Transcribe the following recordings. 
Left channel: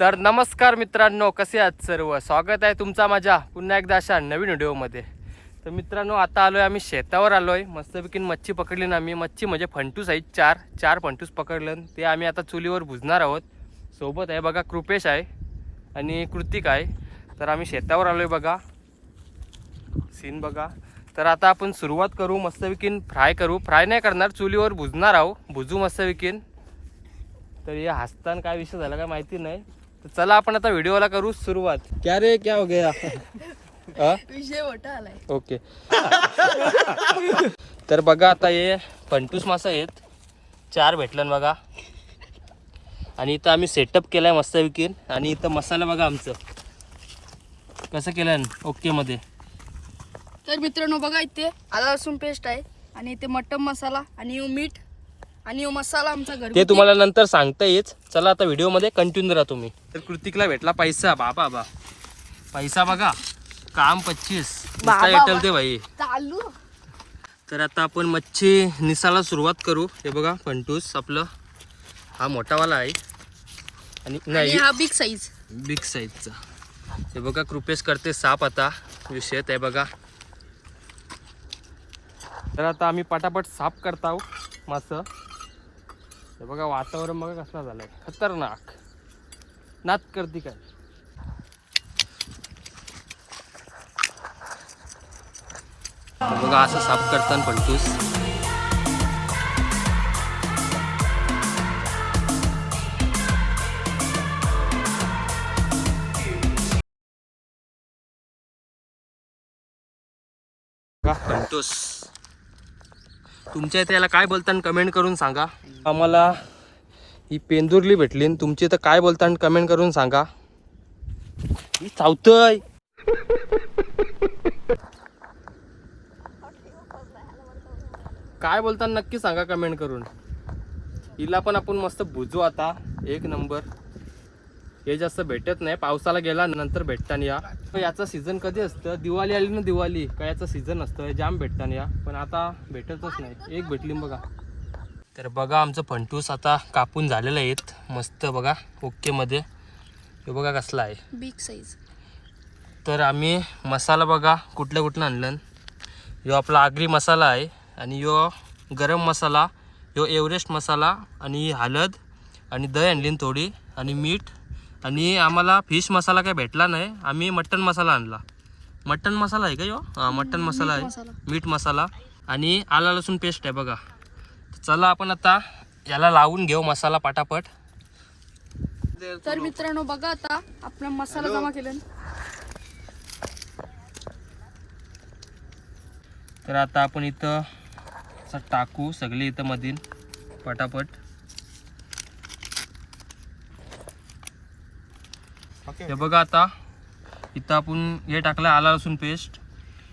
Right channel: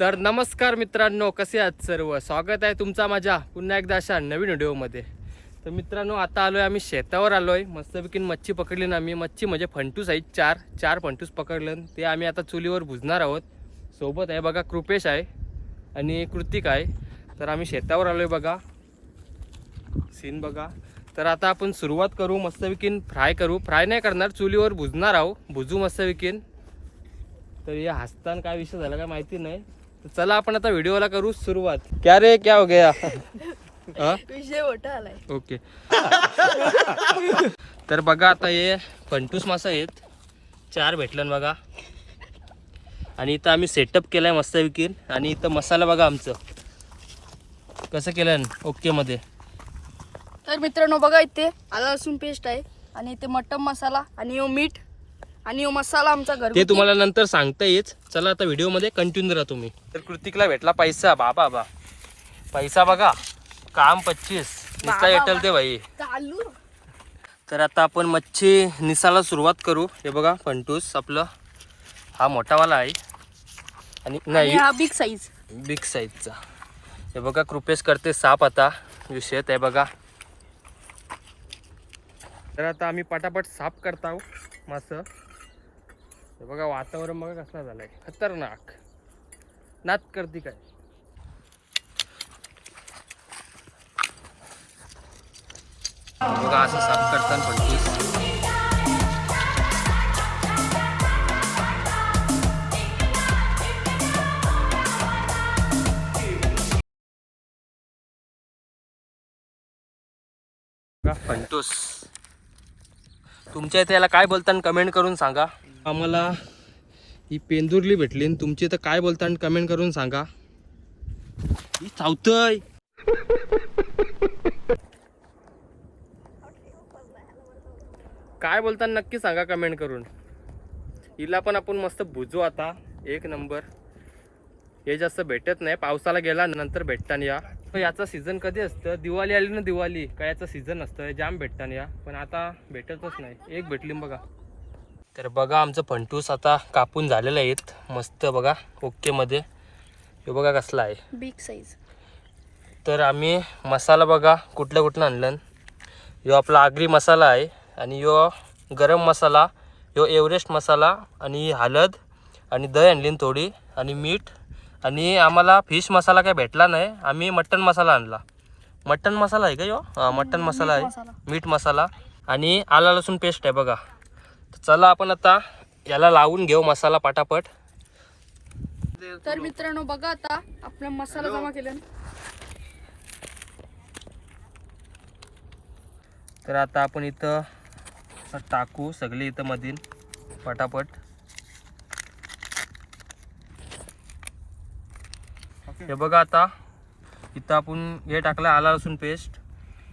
तर नमस्कार मित्रांनो कसे आहात सर्व? स्वागत आहे तुमचा माझ्या पुन्हा एकदा अशा नवीन व्हिडिओमध्ये. तर मित्रांनो आता आलो आहे आम्ही शेतावर आलो आहे मस्तपैकी मच्छी पकडली ना आम्ही. मच्छी म्हणजे फंटूस आहेत चार चार फंटूस पकडलं ते आम्ही आता चुलीवर भुजणार आहोत. सोबत आहे बघा कृपेश आहे आणि कृतिक आहे. तर आम्ही शेतावर आलो आहे बघा. सीन बघा. तर आता आपण सुरुवात करू मस्तपैकी फ्राय करू. फ्राय नाही करणार चुलीवर भुजणार आहो भुजू मस्तपैकी. तर हे हसताना काय विषय झाला काय माहिती नाही. तर चला आपण आता व्हिडिओला करू सुरुवात. क्या रे क्या हो गया? हा? विषय मोठा आलाय. ओके. तर बघा आता हे फंटूस मासा आहेत. चार भेटलं बघा. आणि इथं आम्ही सेटअप केलाय मस्त विकीन आणि इथं मसाला बघा आमचं. कसं केलं ओके मध्ये. तर मित्रांनो बघा इथे आला लसूण पेस्ट आहे. आणि इथे मटन मसाला आणि यो मीठ आणि यो मसाला आमचा ते घरगुती तुम्हाला नंतर सांगता येईल. चला आता व्हिडिओमध्ये कंटिन्यू राहा तुम्ही. तर कृतिकला भेटला पैसा. बाबा बा. पैसा बघा. काम पच्चीस. नुसता बाबा. एटल ते भाई चालू. तर आता आपण मच्छी निसाला सुरुवात करू. हे बघा फंटूस आपलं. हा मोठावाला आहे. आणि नाही हा बिग साईज बिग साईजचा हे बघा कृपेश करते साप आता. विषय आहे बघा. तर आता आम्ही पटापट साफ करता मास हे बघा वातावरण बघा कसला झालंय. खतरनाक. नात करते काय? बघा असं साफ करताना पण बघा, फंटूस. तुमच्या इथे याला काय बोलताना कमेंट करून सांगा. आम्हाला ही पेंदुरली भेटली आणि तुमची इथं काय बोलताना कमेंट करून सांगा. ही चावतय. काय बोलताना नक्की सांगा कमेंट करून. हिला पण आपण मस्त भुजू आता. एक नंबर हे जास्त भेटत नाही. पावसाला गेला नंतर भेटताना या. याचा सीझन कधी असतं? दिवाळी आली ना दिवाळी. का याचं सीझन असतं? जाम भेटताना या. पण आता भेटतच नाही. एक भेटली बघा. तर बघा आमचं फंटूस आता कापून झालेलं आहेत. मस्त बघा ओकेमध्ये हे बघा कसला आहे. बिग साईज तर आम्ही मसाला बघा कुठल्या कुठलं आणलं. ह्यो आपला आगरी मसाला आहे आणि ह्यो गरम मसाला ह्यो एव्हरेस्ट मसाला आणि हळद आणि दही आणली थोडी आणि मीठ. आणि आम्हाला फिश मसाला काय भेटला नाही. आम्ही मटन मसाला आणला. मटन मसाला आहे का हां मटन मसाला आहे. मीठ मसाला. आणि आला लसूण पेस्ट आहे बघा. चला आपण आता याला लावून घेऊ मसाला पटापट. तर मित्रांनो बघा आता आपला मसाला जमा केला. तर आता आपण इथं टाकू सगळे इथं मधील पटापट. हे बघा आता इथं आपण हे टाकलं आला लसूण पेस्ट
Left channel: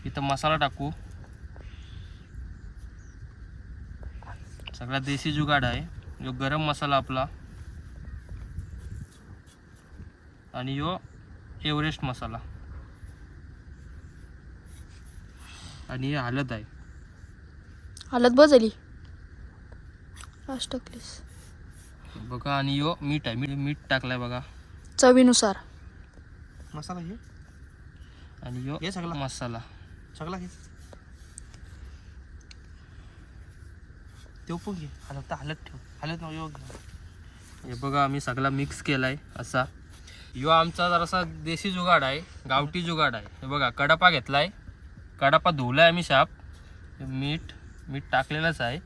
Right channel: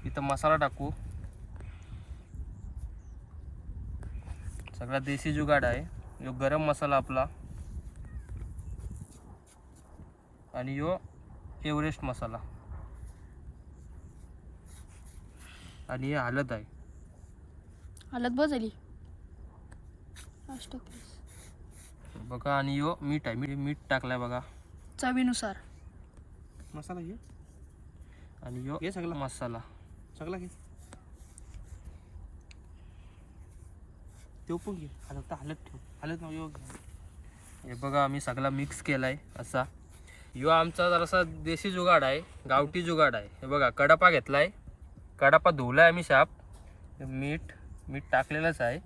इथं मसाला टाकू. सगळा देशी जुगाड आहे. यो गरम मसाला आपला. आणि यो एव्हरेस्ट मसाला. आणि हे हळद आहे. हालत बस झाली लास्ट टाकलीस. बघा आणि यो मीठ आहे. मीठ मीठ टाकलाय बघा. चवीनुसार. मसाला घे आणि यो हे सगळं? मसाला. सगळा घे. ते पण घे. आता तर हालत ठेव. हलत नको यो घे. हे बघा आम्ही सगळा मिक्स केला आहे असा. यो आमचा जरासा देशी जुगाड आहे गावठी जुगाड आहे. हे बघा कडापा घेतला आहे कडापा धुवला आहे आम्ही शाप. हे मीठ मीठ टाकलेलंच आहे.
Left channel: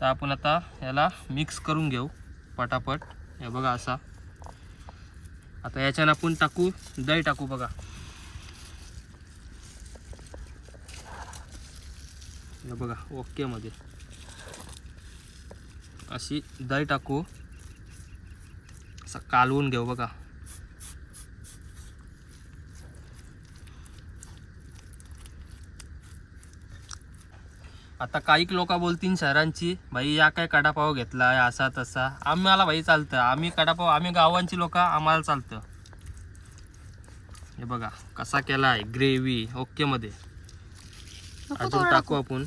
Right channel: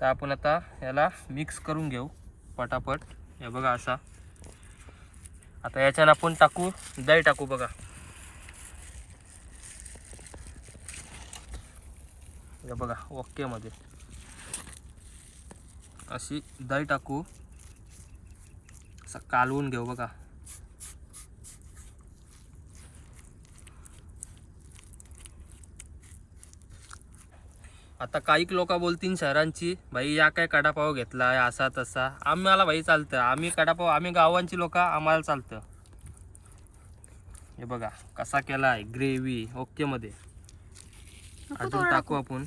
तर आपण आता याला मिक्स करून घेऊ पटापट. हे बघा असा. आता याच्यानं आपण टाकू दही टाकू बघा. हे बघा ओके मध्ये. अशी दही टाकू. असं कालवून घेऊ बघा. आता काही लोक बोलतील शहरांची भाई या काय कडापाव घेतला या असा तसा. आम्हाला भाई चालतं. आम्ही कडापाव आम्ही गावांची लोक आम्हाला चालतं. हे बघा कसा केला आहे ग्रेव्ही ओके मध्ये. नको अजून टाकू. आपण.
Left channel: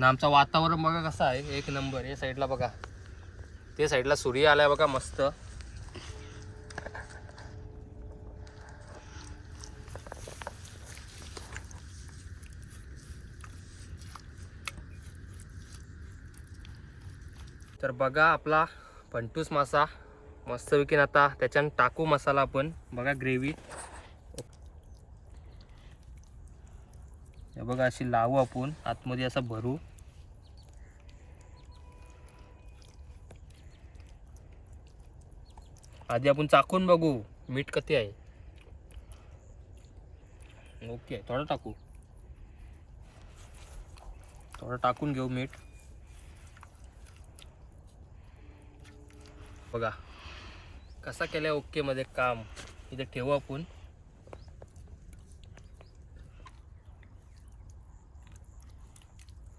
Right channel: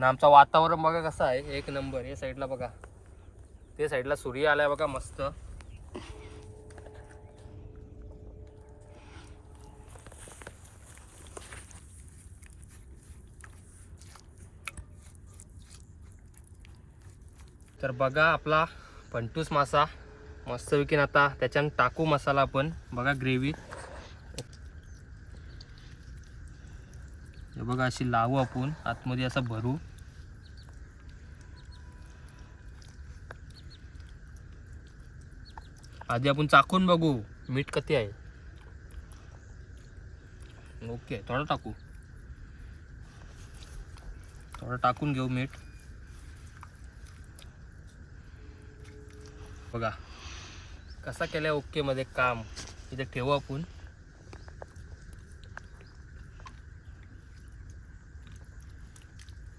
ना आमचं वातावरण बघा कसं आहे एक नंबर या साईडला बघा. ते साईडला सूर्य आलाय बघा मस्त. तर बघा आपला पंटूस मासा मस्त विकीन आता त्याच्यानं टाकू मसाला आपण. बघा ग्रेव्ही हे बघा अशी लावू आपण आतमध्ये असं भरू. आधी आपण चाकून बघू मीठ कधी आहे. ओके थोडं टाकू. थोडं टाकून घेऊ मीठ. बघा कसा केला ओके मध्ये काम. इथे ठेवू आपण.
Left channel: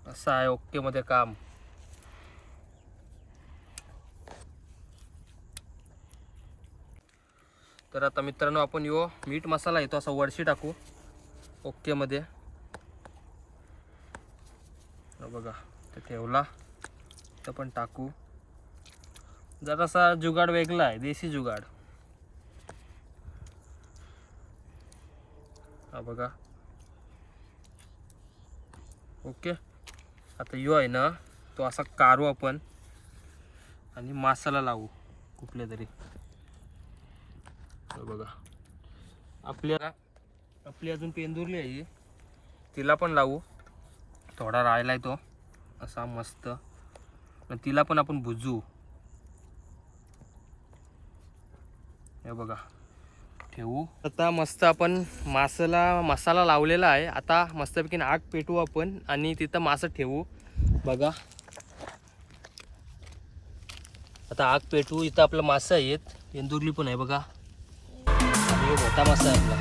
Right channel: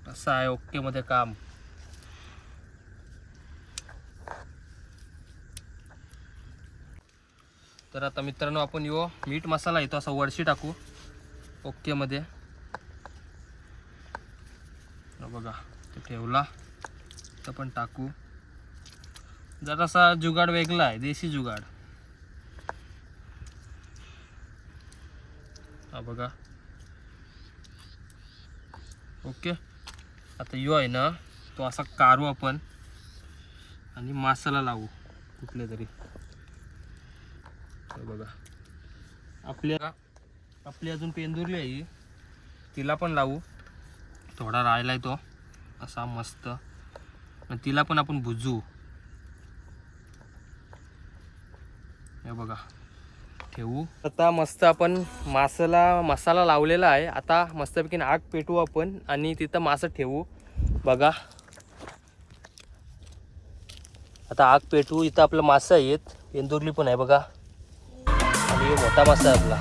असं आहे ओके मध्ये काम. तर आता मित्रांनो आपण यो मीठ मसाला येतो असा वडशी टाकू. ओक्केमध्ये बघा ते ठेवला. तर पण टाकू. जरासा जुगाड वेगळा आहे देशी जुगाड. हा बघा. ओके. आता यो आहे ना तो असा काढू आपण. आणि मासाला लावू कुठले तरी. बघा. आपल्या आपली अजून पेंदुरली आहे तिला पण लावू. थोडा राहिलाय तो. असा मस्त. तिला पण आपण भुजू हे बघा. ठेवू. आता मस्त आपण मासाला मसाला लावलेला आहे. आता मस्तपैकी आग पेटवू आपण आणि तिथं मासं ठेवू. बघा. आता आग पेटवू. इथं आपलं मासं आहेत. पेंदुरली पण आहे बघा. ह्यो मोठा मासा आहे आपला.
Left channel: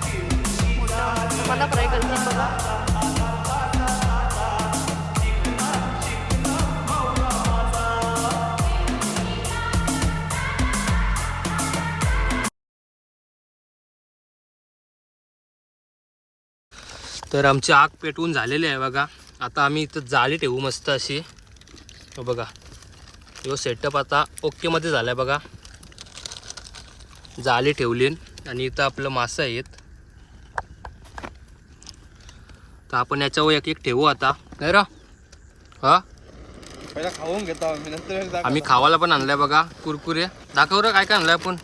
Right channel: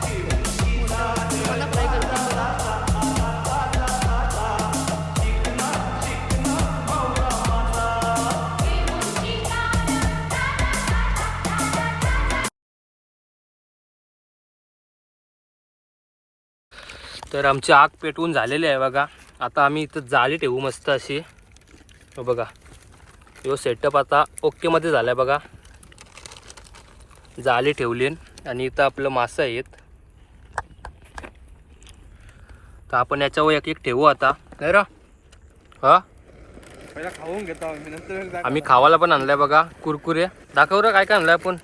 मला फ्राय करते बघा. तर आमची आग पेटवून झालेली आहे बघा. आता आम्ही इथं जाळी ठेवू मस्त अशी. हो बघा. यो सेटअप आता ओकेमध्ये झाला आहे बघा. जाळी ठेवली आणि इथं आपलं मासं आहेत. तर आपण याच्यावर एक एक ठेवू आता. नाही रा? हा? खाऊन घेतो आम्ही नंतर एकदा आम्ही खावाला पण आणलाय बघा कुरकुरे. दाखव रे काय काय आणलंय आपण.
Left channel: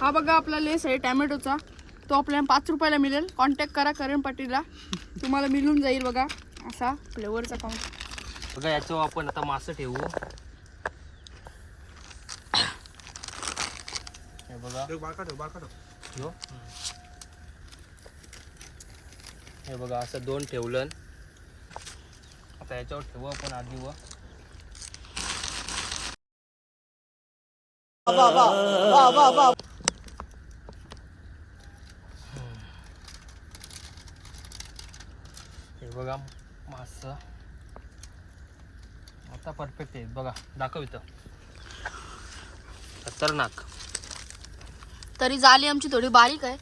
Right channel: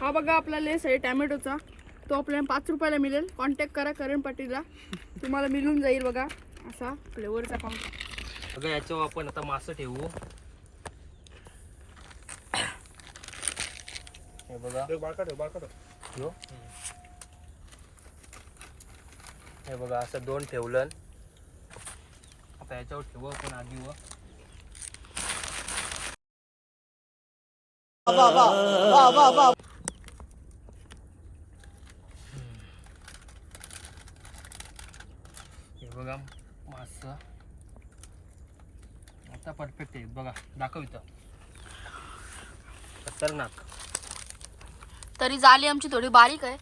हा बघा आपला लेस आहे टॅमॅटोचा. तो आपल्याला पाच रुपयाला मिळेल. कॉन्टॅक्ट करा करण पाटीलला. तुम्हाला मिळून जाईल बघा असा फ्लेवरचा काउंट बघा याच्यावर आपण आता मासं ठेवू. हे बघा. बाळका ठेव बाळका ठेव यो. हे बघा असं दोन ठेवलं. आता याच्यावर ठेवू आपण आधी व. हे बघा मास आता परफेक्ट आहे. बघा दाखव इथं. खतरनाक. तरी जाली आमची थोडी बारीक आहे.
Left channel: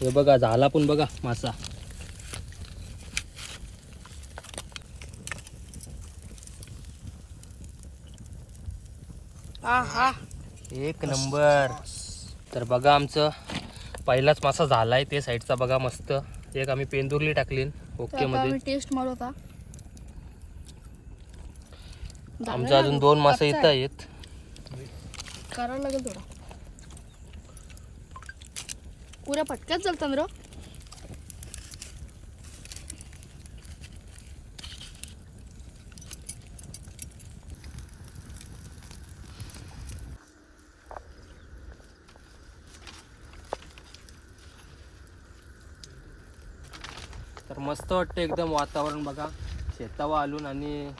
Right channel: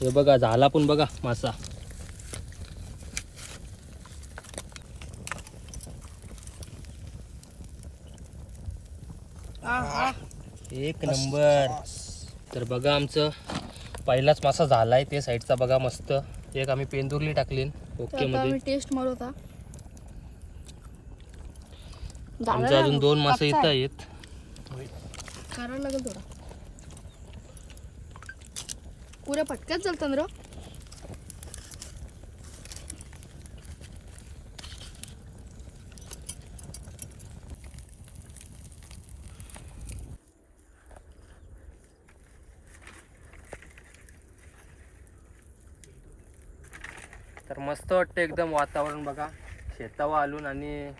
हे बघा झाला पण बघा मासा. एक नंबर. तर बघा आमचं पहिलाच मासा झालाय ते साईडचा बघा मस्त. एक आम्ही पेंदुर्ली टाकली ओके मध्ये. टेस्ट मारू आता झालं आमचे अजून? दोन मासे इथं आहे. आहेत. करायला लागेल थोडा पुऱ्या पटक्यात चालतं ना तर मस्त वाटतं एकदम वातावरण बघा. शेतावा आलून आणि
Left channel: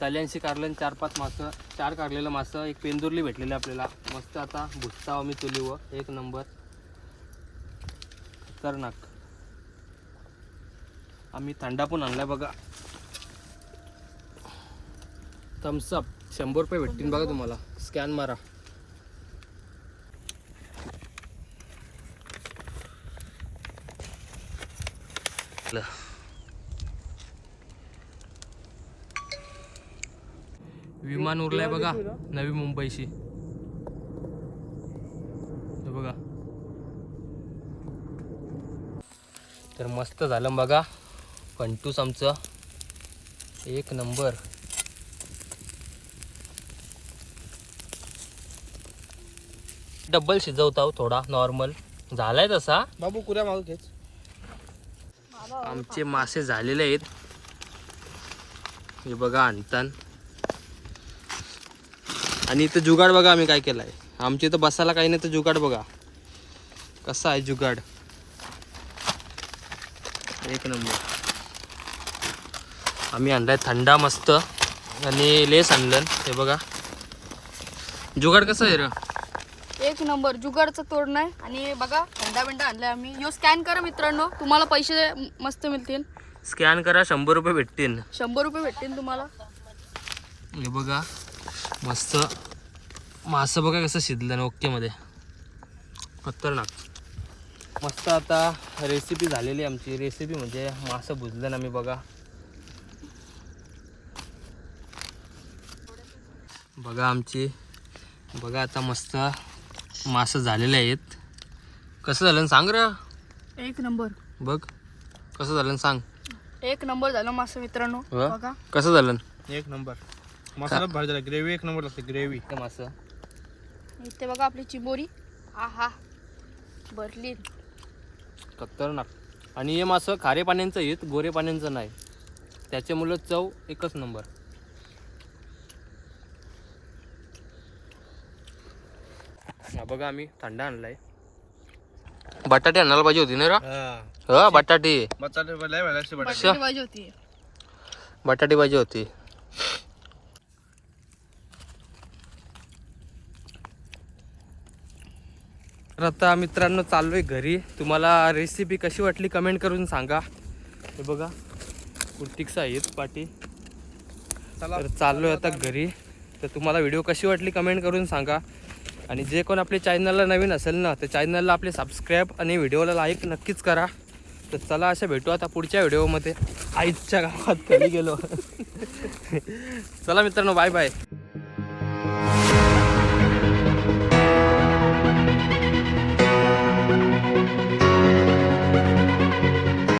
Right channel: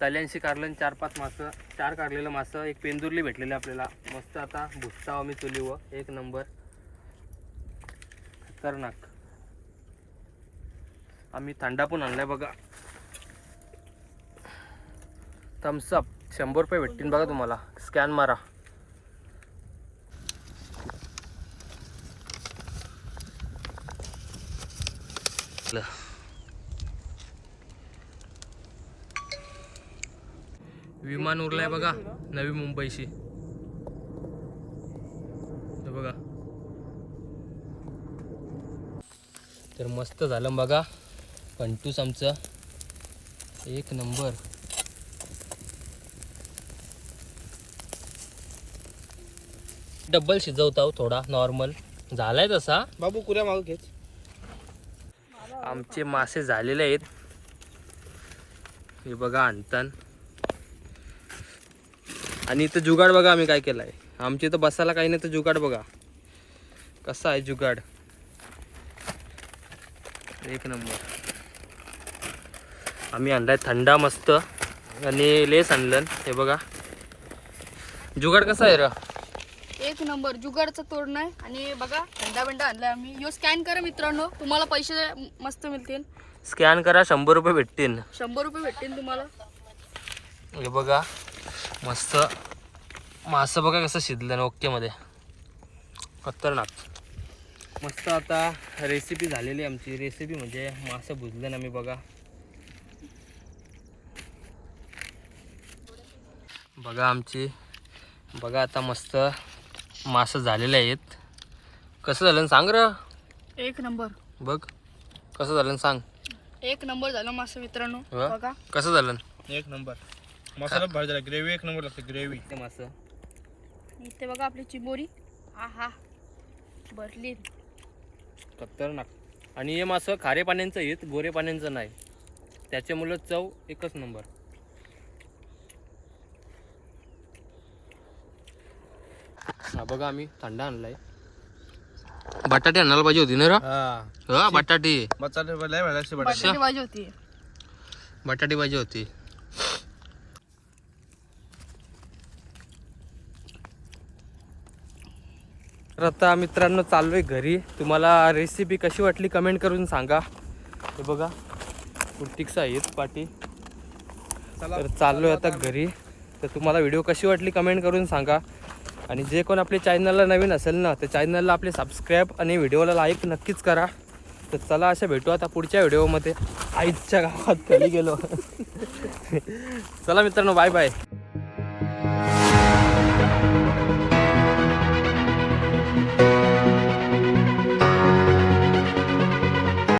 तल्यांशी काढलं चार पाच मासं चार काढलेलं मासं एक पेंदुरली भेटलेली आपल्याला. मस्त आता भुसता आम्ही चुलीवर. एक नंबर. खतरनाक. आम्ही थंडा पण आणलाय बघा. थम्सअप शंभर रुपये भेटतील बघा तुम्हाला. स्कॅन मारा. ल. विमान उरलाय बघा नवी मुंबईशी. बघा. तर मस्त झालं बघा पंटूस आमचं. एक नंबर. डब्बल शिजवता थोडा नॉर्मल झालाय तसा. बाबू कुऱ्या मागू घेत आमचे मासे झालेले आहेत. हे बघा आणतान. आणि इथं जुगाड बघा आम्ही काय केलाय. आमच्या इथं बसायला काही नाही तर जुगाड बघा. कसा आहे जुगाड? एक नंबर. आम्ही आणलाय थंडा मस्त. आणि लेस आणलं. हे बघा. जुगाड कसा आहे रा? एक नंबर. जुगारचं तोड नाही. आणि बघा थंडा बिंडा आणलाय आम्ही. यो स्कॅन करा मित्रांनो. तुम्हाला पैसे मस्त मिळतील. स्कॅन करा शंभर रुपये भेटतील. शंभर रुपये भेटतील तुम्हाला. हे बघा. मस्त. मासं बघा कसं शिजलं ना ओकेमध्ये खतरनाक. मस्त आता रेसिपी झालेली आहे आमची. रेसिपी म्हणजे मासं भुजलं ना मी बघा. बघा आमची. बघा आता मस्त मासं झालेले आहेत. कसं झालं सांग र. एक नंबर. बघ. कसं झालं सांग. एक नंबर झालं मस्त मित्रांनो. हो? बघा. कसं झालं? ना एक नंबर. मसाला भाजी झाला. ग्रेव्ही एक नंबर लागते ग्रेव्ही. ते मासं इथे बघा आपली चिंबोरी. हा हा भरली. खतरनाक. आणि हे मासं खारे पाण्याचं येत गोरे पाण्याचं नाही. त्याच्यामुळं चव एकच नंबर. हा बघा आम्ही थंडा आणलाय. बटाटे आणायला पाहिजे होती ना रा? हा. हा बटाटे. बटाटे लय भाजी असते बटाटे. बटाटी भाजी होती. बटाटे पाहिजे होती. तर आता मित्रांनो चाललोय घरी. तुम्हाला रेसिपी कशी वाटली कमेंट करून सांगा. हे बघा कुर्तिक्स आहेत पाटी. तर चाललोय आता घरी. तर तुम्हाला व्हिडिओ कशी वाटली कमेंट करून सांगा. आणि जे कोण आपल्या चॅनलला नवीन असेल ना तर चॅनलला आपले सबस्क्राईब आणि व्हिडिओला लाईक नक्कीच करा. तर चला अशा भेटू आता पुढच्या व्हिडिओमध्ये आईच्या गावात कधी गेलो. चला मित्रांनो बाय बाय